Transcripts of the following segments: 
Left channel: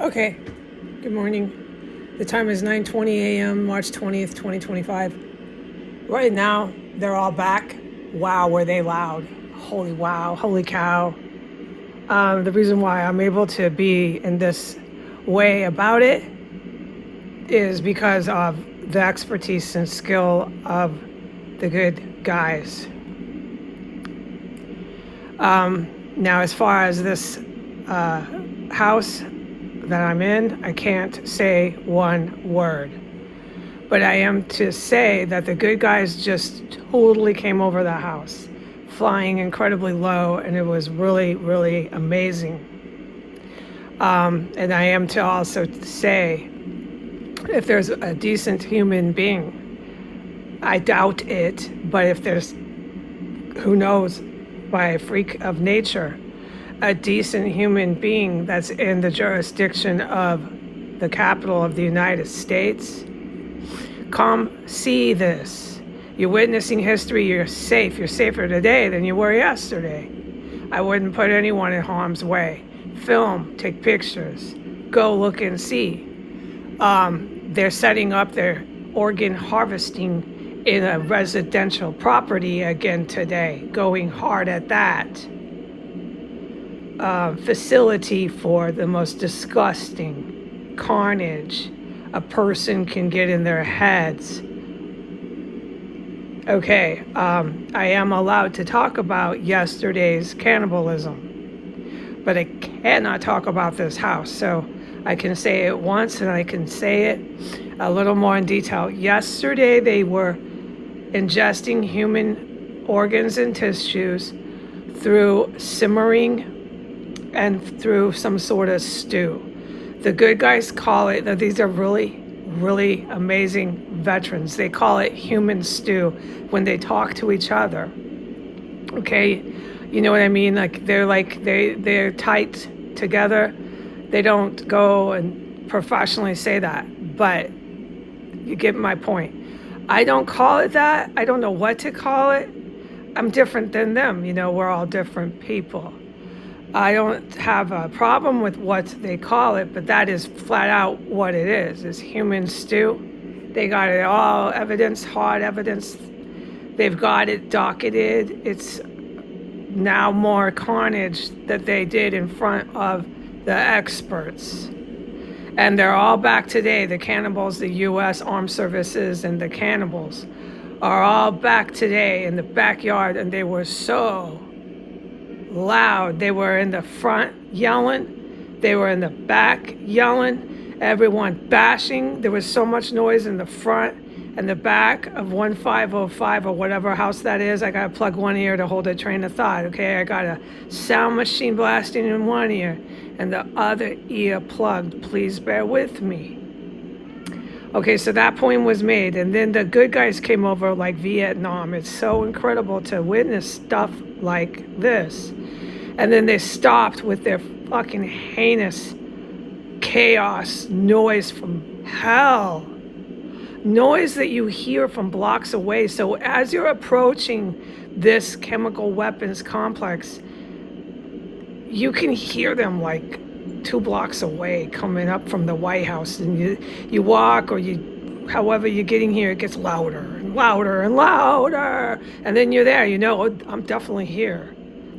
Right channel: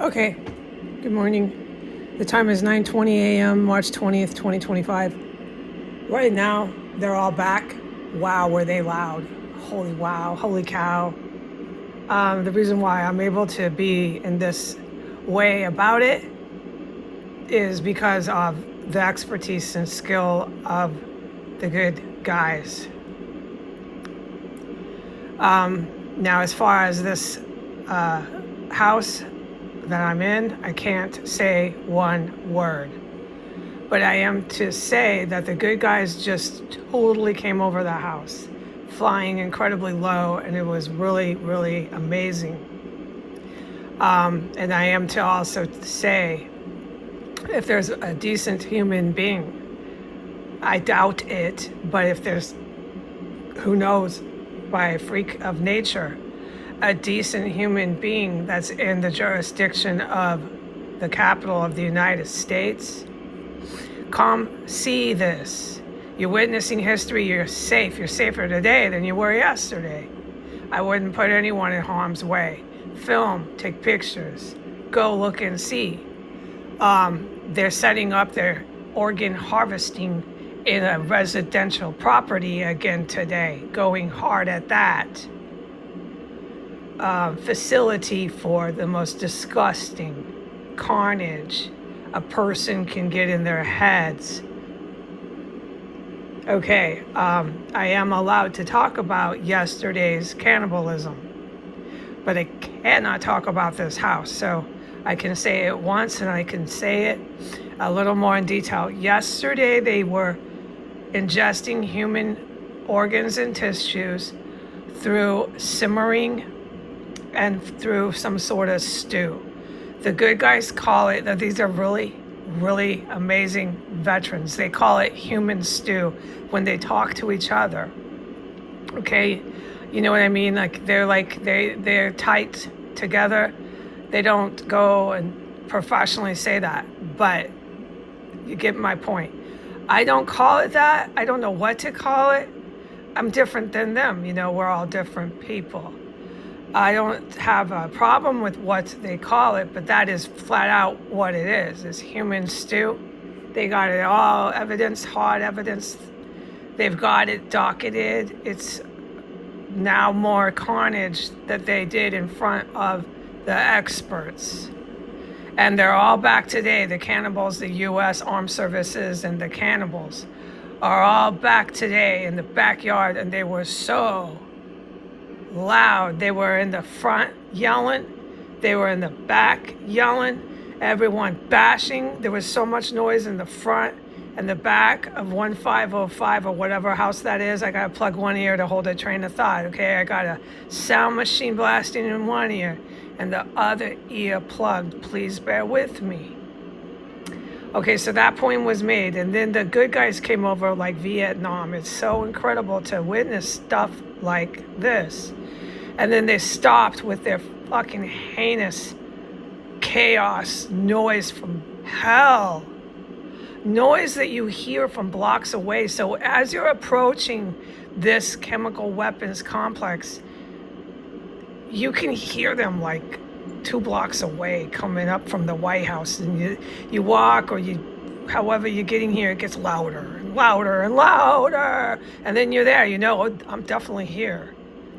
Okay, good morning. The time is 9:20 a.m., March 20th, 2025. Right now, they're all back. Wow, were they loud. Holy wow, holy cow. The reason why I'm able to be in this way about it is because of the expertise and skill of the good guys. Now, as far as this house that I'm in, I can't say one word. But I am to say that the good guys just totally came over the house, flying incredibly low, and it was really, really amazing. And I am to also say, if there's a decent human being, I doubt it, but if there's, who knows, by a freak of nature, a decent human being that's in the jurisdiction of the capital of the United States, come see this. You're witnessing history. You're safe. You're safer today than you were yesterday. I wouldn't put anyone in harm's way. Film, take pictures, go look and see. They're setting up their organ harvesting in a residential property again today, going hard at that. Facility for the most disgusting carnage a person can get in their heads. Okay, I am allowed to talk about yesterday's cannibalism, but I cannot talk about this house. So I can say it once and I can say it a little more in detail. Yesterday, they were ingesting human organs and tissues through simmering and through some sort of stew. The good guys call it, that these are really, really amazing veterans. They call it human stew when they talk to each other. Okay, you know what I mean? They're tight together. They don't go and professionally say that, but you get my point. I don't call it that. I don't know what to call it. I'm different than them. We're all different people. I don't have a problem with what they call it, but that is flat out what it is. It's human stew. They got it all, evidence, hard evidence. They've got it docketed. It's now more carnage that they did in front of the experts. And they're all back today. The cannibals, the U.S. Armed Services, and the cannibals are all back today in the backyard, and they were so loud. They were in the front yelling. They were in the back yelling. Everyone bashing. There was so much noise in the front and the back of 1505 or whatever house that is. I gotta plug one ear to hold a train of thought. Okay, I got a sound machine blasting in one ear and the other ear plugged. Please bear with me. Okay, so that point was made, and then the good guys came over like Vietnam. It's so incredible to witness stuff like this. And then they stopped with their fucking heinous chaos noise from hell. Noise that you hear from blocks away. So as you're approaching this chemical weapons complex, you can hear them like 2 blocks away coming up from the White House. And you walk, or however you're getting here, it gets louder and louder and louder. And then you're there, I'm definitely here.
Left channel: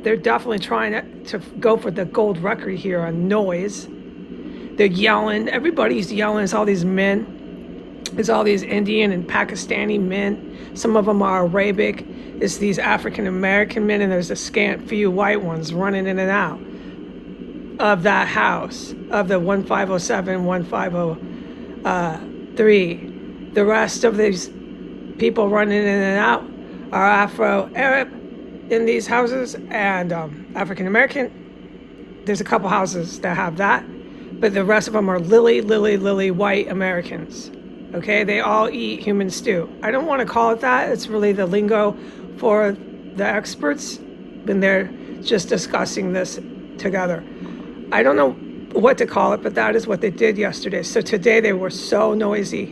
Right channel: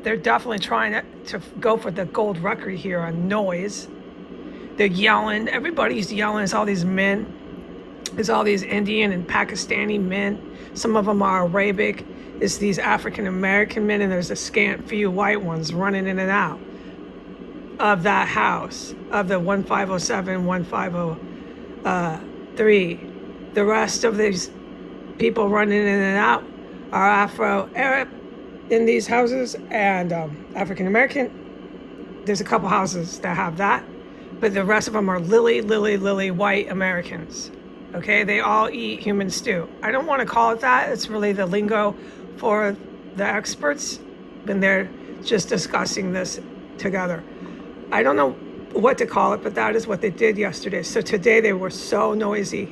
They're definitely trying to go for the gold record here on noise. They're yelling. Everybody's yelling. There's all these men. There's all these Indian and Pakistani men. Some of them are Arabic. It's these African American men, and there's a scant few white ones running in and out of that house, of the 1507, 1503. The rest of these people running in and out are Afro-Arab in these houses, and African American. There's a couple houses that have that, but the rest of them are lily white Americans. Okay, they all eat human stew. I don't want to call it that. It's really the lingo for the experts when they're just discussing this together. I don't know what to call it, but that is what they did yesterday. So today they were so noisy,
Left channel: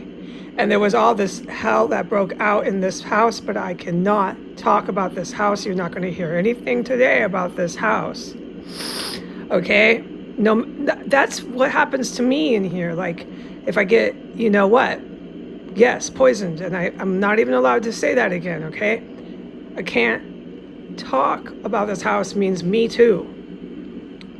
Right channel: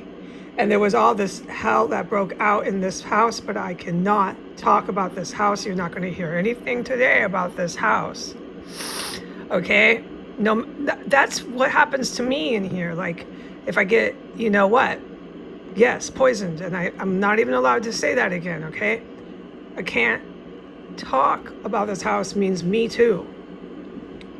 and there was all this hell that broke out in this house, but I cannot talk about this house. You're not going to hear anything today about this house. Okay? No, that's what happens to me in here. Like, if I get, you know what? Yes, poisoned. And I'm not even allowed to say that again, okay? I can't talk about this house means me too.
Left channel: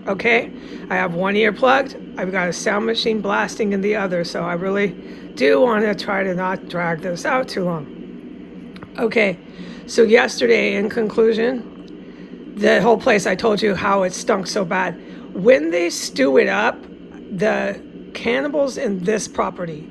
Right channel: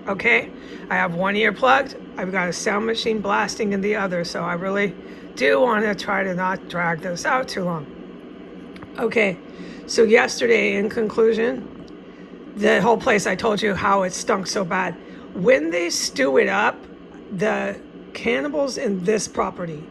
Okay? I have one ear plugged. I've got a sound machine blasting in the other. So I really do want to try to not drag this out too long. Okay. So yesterday, in conclusion, the whole place, I told you how it stunk so bad. When they stew it up, the cannibals in this property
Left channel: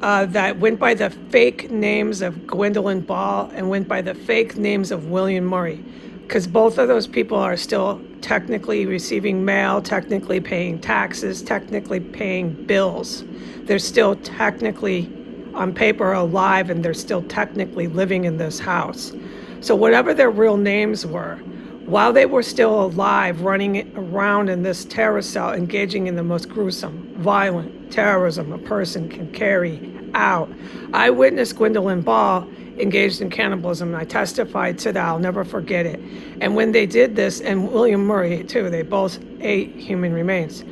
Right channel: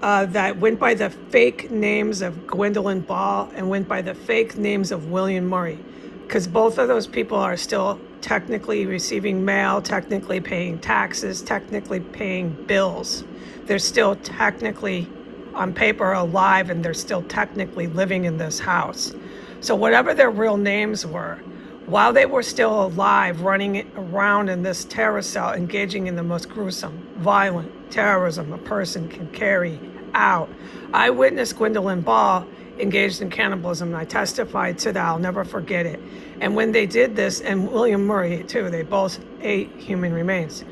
that went by the fake names of Gwendolyn Ball and went by the fake names of William Murray, because both of those people are still technically receiving mail, technically paying taxes, technically paying bills. They're still technically on paper alive, and they're still technically living in this house. So whatever their real names were, while they were still alive, running around in this terror cell, engaging in the most gruesome, violent terrorism a person can carry out. I witnessed Gwendolyn Ball engaged in cannibalism. I testified to that. I'll never forget it. And when they did this, and William Murray too, they both ate human remains.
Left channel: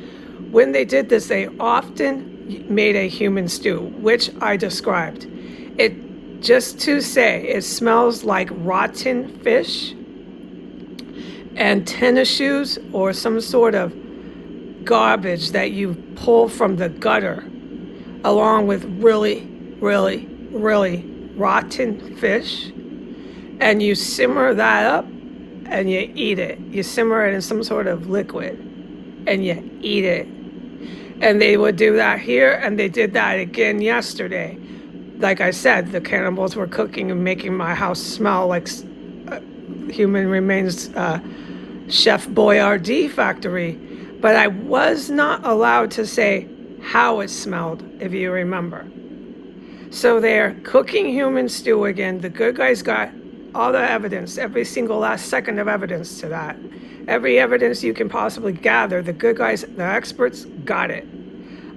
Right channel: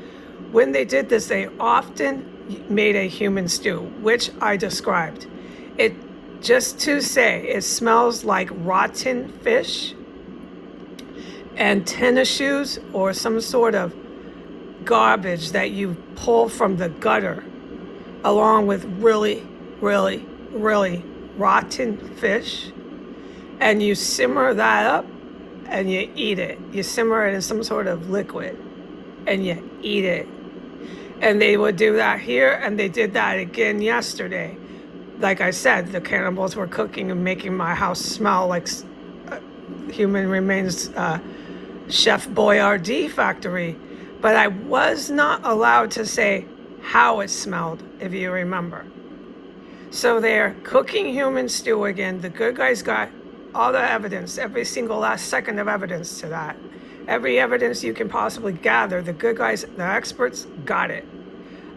When they did this, they often made a human stew, which I described. It, just to say, it smells like rotten fish and tennis shoes or some sort of garbage that you pull from the gutter, along with really, really, really rotten fish. And you simmer that up and you eat it. You simmer it in some sort of liquid and you eat it. And they would do that here, and they did that again yesterday. Like I said, the cannibals were cooking and making my house smell like human remains, Chef Boyardee factory. But I was not allowed to say how it smelled, if you remember. So they're cooking human stew again. The good guys got all the evidence, every single last second of evidence to that. Every evidence you can possibly gather, the good guys, the experts, got it.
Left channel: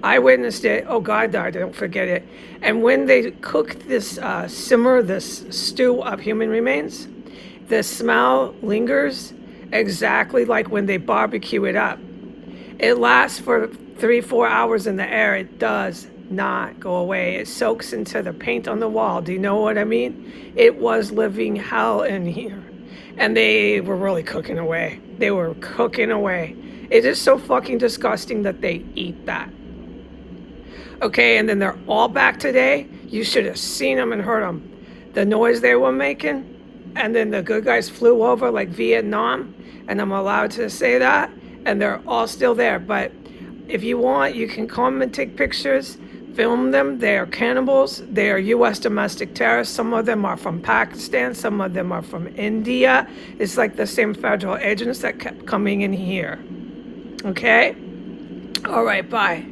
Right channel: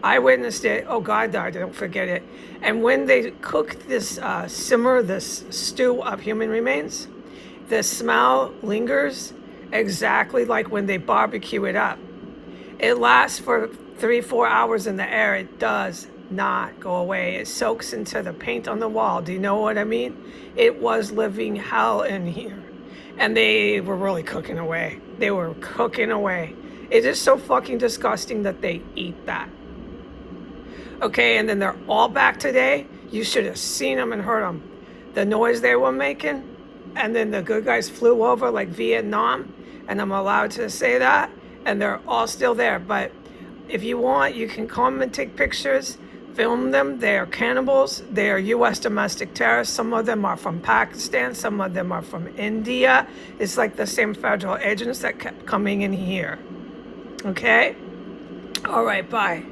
I witnessed it. Oh God, don't forget it. And when they cook this, simmer this stew of human remains, the smell lingers exactly like when they barbecue it up. It lasts for 3-4 hours in the air. It does not go away. It soaks into the paint on the wall. Do you know what I mean? It was living hell in here. And they were really cooking away. They were cooking away. It is so fucking disgusting that they eat that. Okay, and then they're all back today. You should have seen them and heard them. The noise they were making. And then the good guys flew over like Vietnam. And I'm allowed to say that. And they're all still there. But if you want, you can come and take pictures. Film them. They are cannibals. They are U.S. domestic terrorists. Some of them are from Pakistan. Some of them are from India. It's like the same federal agents that kept coming in here. Okay? All right, bye.